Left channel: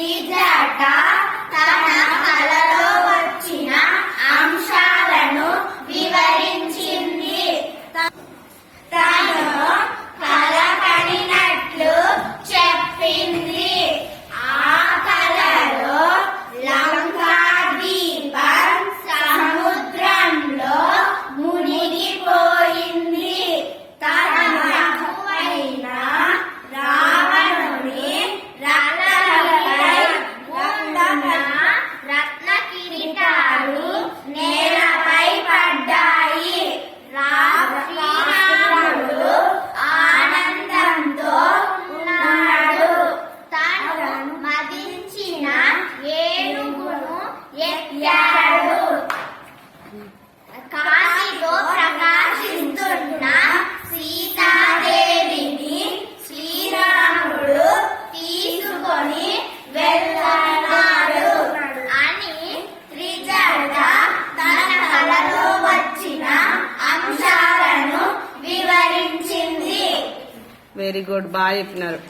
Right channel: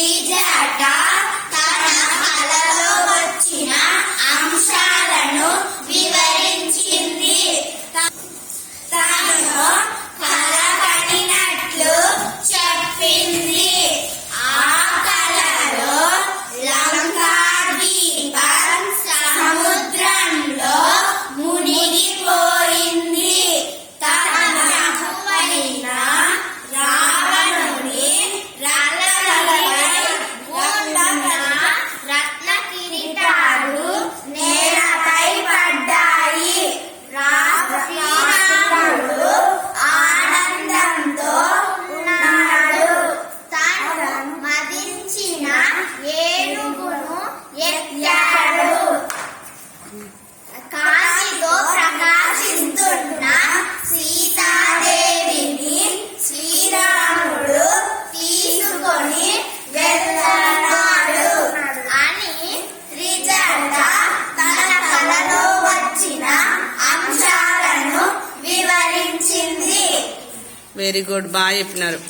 一件打底 కాశీతో ప్రకాశిస్తున్న సీతాదేవిని శ్రీరాముడు తీసుకొని వెళ్తున్నాడు అని త్రిజట తన కలలో వచ్చిన అంశాలను వివరించింది. వెరీ గుడ్ బాగా చెప్పినారు.